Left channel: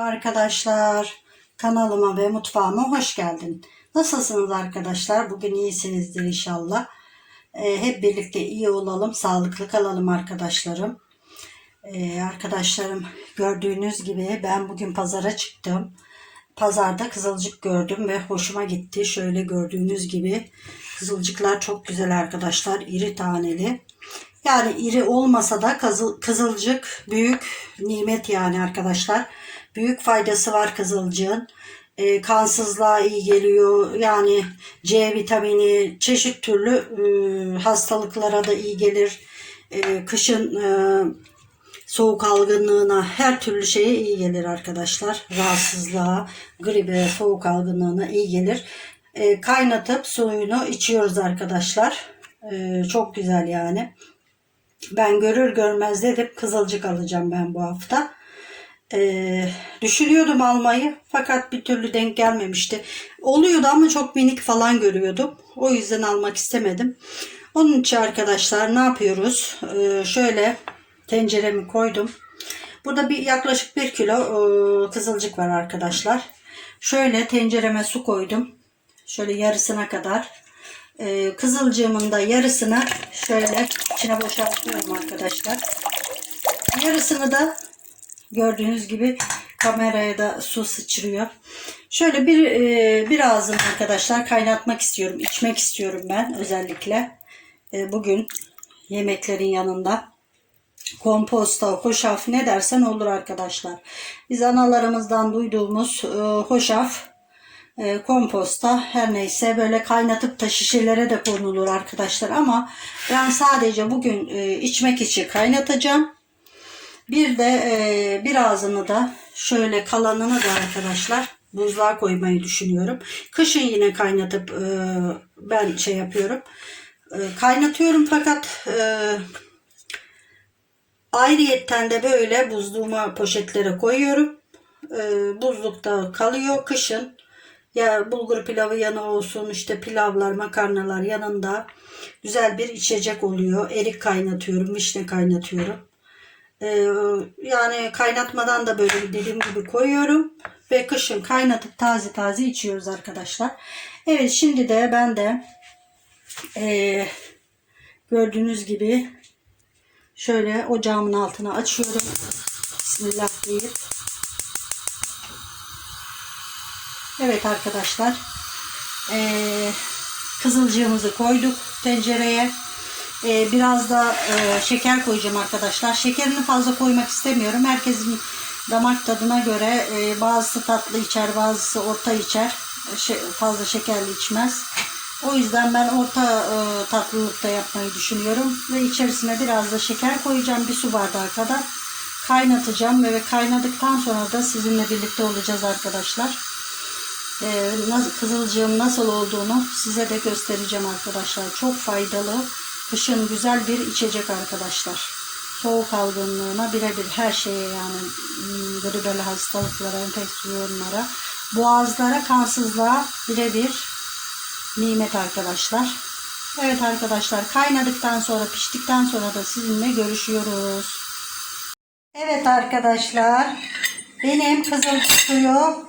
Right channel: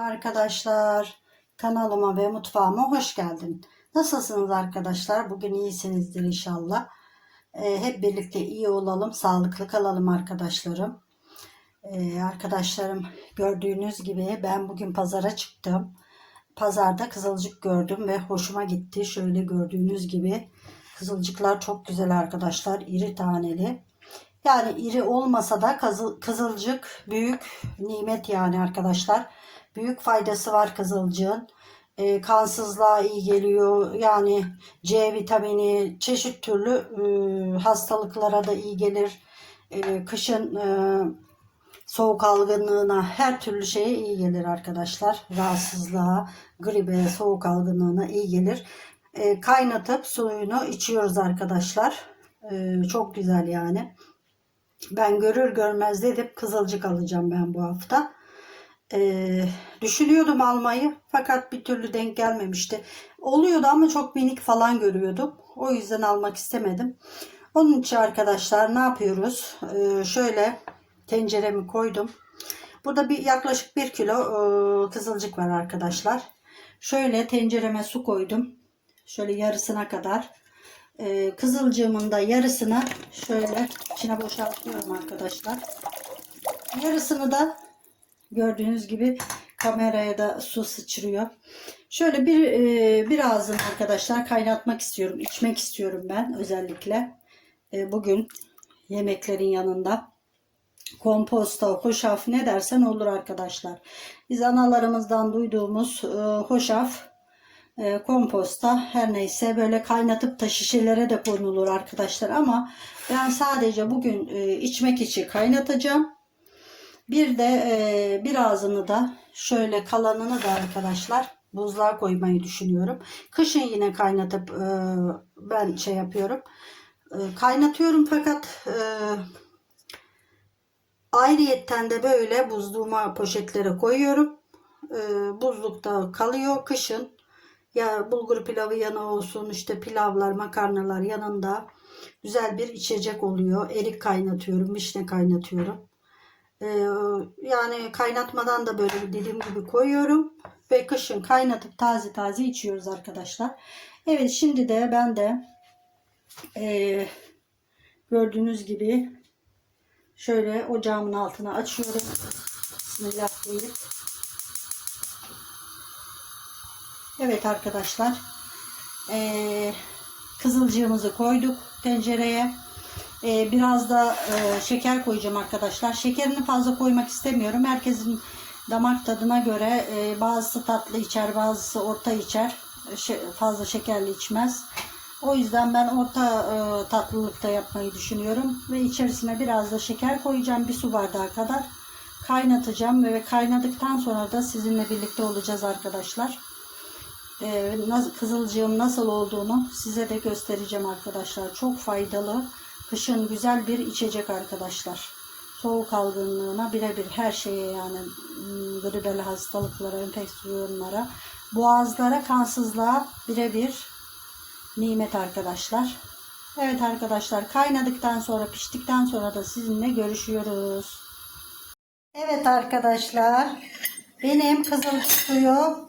Arkadaşlar kanalıma ve mutfağıma hoş geldin. Nasılsınız arkadaşlar? Bugün iyisinizdir inşallah. Ee, hep birlikte iyi olalım, sağlıklı kalalım arkadaşlarım. Ee, arkadaşlarım gördüğünüz gibi ben bugün pazara çıktım. Pazarda kızılcık gördüm ve hoşuma gitti. Şöyle gördüğünüz gibi kızılcıklar çok güzel arkadaşlar. iri taneli. Yani iri olmasa da kızıl- kızılcık büyük nimet yani arkadaşlar. Büyük faydası var kızılcığın. Ee, kansızlığa iyi geliyor. Yani C vitamini çeşit türlü e, hastalıklara da iyi gelir. E, kışın e, soğuk algınlığına her türlü şeye iyi gelir arkadaşlar. Rahatsızlığa, gribe, soğuk algınlığına iyi gelir. E, kaynatıp suyunu içiyoruz arkadaşlar. E, çok güzel yani. Ben görür görmez dedim kızılcık alacağım ben bu hafta. Ee, düşünüyordum almayı fakat bir türlü denk gelmemişti. Oluyordu ama çok minik falan görüyordum. O yüzden almak istemedim. Onun için arkadaşlar ne yapıyoruz? Ee, şöyle tenceremi koydum. Burada bir yaklaşık bir kilo e, kızılcık var arkadaşlar. Şöyle tencereme su koydum. Şöyle yarısına kadar. Ee, kızılcığımın da yarısını şöyle içine boşaltıyorum arkadaşlar. Yarısını da gördüğünüz gibi kameraya da su sıçrıyor. Şöyle bir e, bir ağzını arkadaşlar kaynatmak istiyorum. içmek istiyorum ben özellikle. E, bugün yemeklerin yanında komposta, hoşaf ne dersen olur arkadaşlar. Biz analarımızdan duyduğumuz e, hoşaf e, komposta her neyse böyle kaynatıp da şişelere de konulur arkadaşlar ama ben sadece bugün e, içmek için kaynatacağım. Bir de e, birazını da şöyle kalanını da arkadaşlar buzluğa koymayı düşünüyorum. Kışın yine kaynatıp e, ben şey yapıyorum. E, kaynatıyorum fakat e, ayrıyetten de böyle buzluğuma poşetlere koyuyorum. E, buzlukta kalıyor kışın. Ya bulgur pilavı yanı olsun işte pilavlar makarnalar yanında güzel bir içecek oluyor. Erik kaynatıyorum, vişne kaynatıyorum. Ee, yani kaynatmadan da böyle dediğim gibi koyuyorum. Ve kışın kaynatıp taze taze içiyoruz arkadaşlar. Evet şimdi de ben de ee, gördüğünüz gibi şöyle ocağımın altına açıyorum. Bismillah. Evet arkadaşlar. Ee, kızılcığımızı koyduk tencereye. Ee, biraz da e, şeker koyacağım arkadaşlar. Şekerini fazla koymak istemiyorum. Herkesin damak tadına göre e, bazısı tatlı içer, bazısı orta içer. Fazla şekerli içmez. O yüzden ben orta e, tatlılıkta yapmayı düşünüyorum. Ve içerisine biraz da şeker koyacağım. Bir su bardağı kadar kaynatacağım. Ve kaynadıktan sonra da sizinle birlikte olacağız arkadaşlar. Nasıl, kızılcığım nasıl olduğunu size de göstereceğim arkadaşlar. Çok faydalı. Kışın güzel bir içecek arkadaşlar. Soğuk algınlığına birebir her şeye yani hmm, böyle böyle hastalıklara, enfeksiyonlara, boğazlara, kansızlığa birebir nimet arkadaşlar. Evet arkadaşlar kaynadıktan sonra piştikten sonra da sizinle görüşüyoruz. Evet arkadaşlar benim kızıl suyu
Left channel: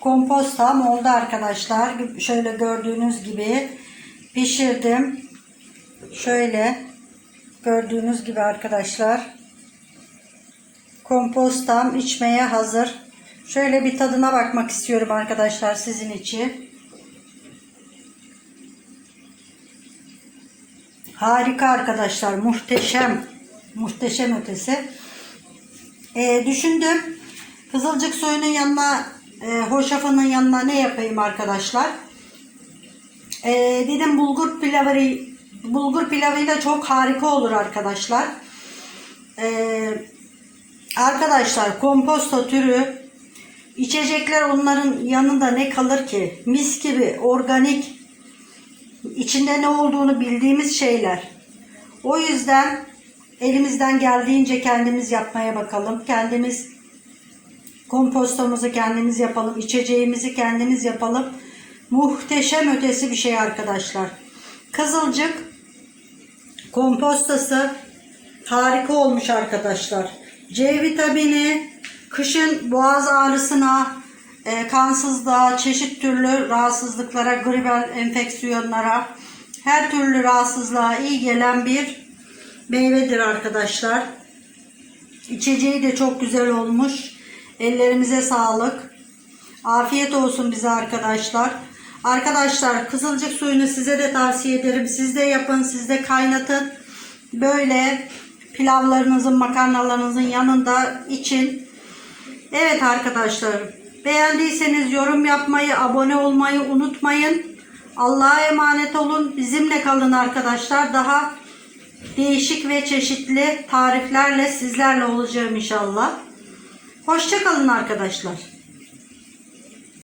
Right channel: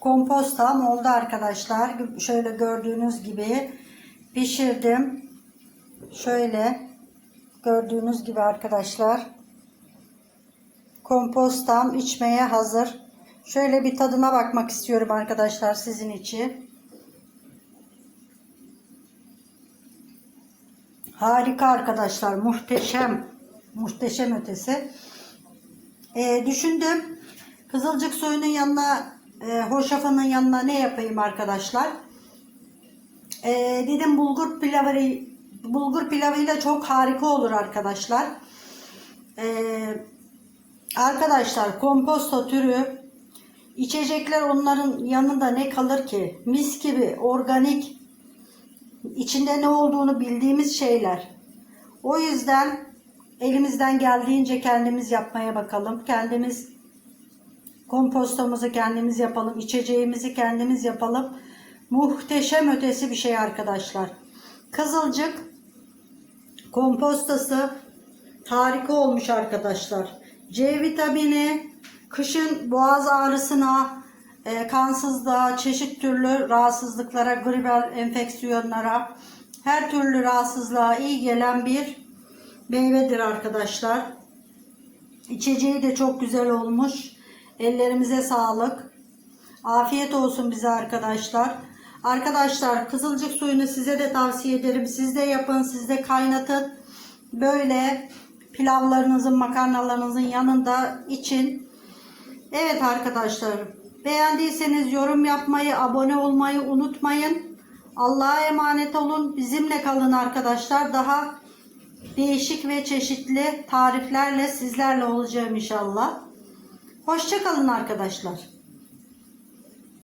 kompostam oldu arkadaşlar. Şöyle gördüğünüz gibi pişirdim. Şöyle gördüğünüz gibi arkadaşlar kompostam içmeye hazır. Şöyle bir tadına bakmak istiyorum arkadaşlar sizin için. Harika arkadaşlar. Muhteşem. Muhteşem ötesi. Ee, düşündüm. Kızılcık suyunun yanına e, hoşafının yanına ne yapayım arkadaşlar? E, dedim bulgur pilavı bulgur pilavıyla çok harika olur arkadaşlar. E, arkadaşlar komposto türü içecekler onların yanında ne kalır ki? Mis gibi organik içinde ne olduğunu bildiğimiz şeyler. O yüzden elimizden geldiğince kendimiz yapmaya bakalım. Kendimiz Kompostumuzu kendimiz yapalım. içeceğimizi kendimiz yapalım. Muhteşem ötesi bir şey arkadaşlar. Kızılcık kompostası harika olmuş arkadaşlar. C vitamini Kışın boğaz ağrısına, e, kansızlığa, çeşit türlü rahatsızlıklara, gribal enfeksiyonlara, her türlü rahatsızlığa iyi gelen bir meyvedir arkadaşlar. İçeceği de çok güzel olmuş. Ellerimize sağlık. Afiyet olsun bize arkadaşlar. Arkadaşlar kızılcık suyunu size de tavsiye ederim. Siz de yapın, siz de kaynatın. Böyle pilavlarınızın, makarnalarınızın yanında için. Evet arkadaşlar. Beğendiyseniz yorum yapmayı, abone olmayı unutmayın. Allah'a emanet olun. Bizimle kalın arkadaşlar. Daha değişik ve çeşitli tariflerle sizlerle olacağım inşallah. Hoşçakalın arkadaşlar.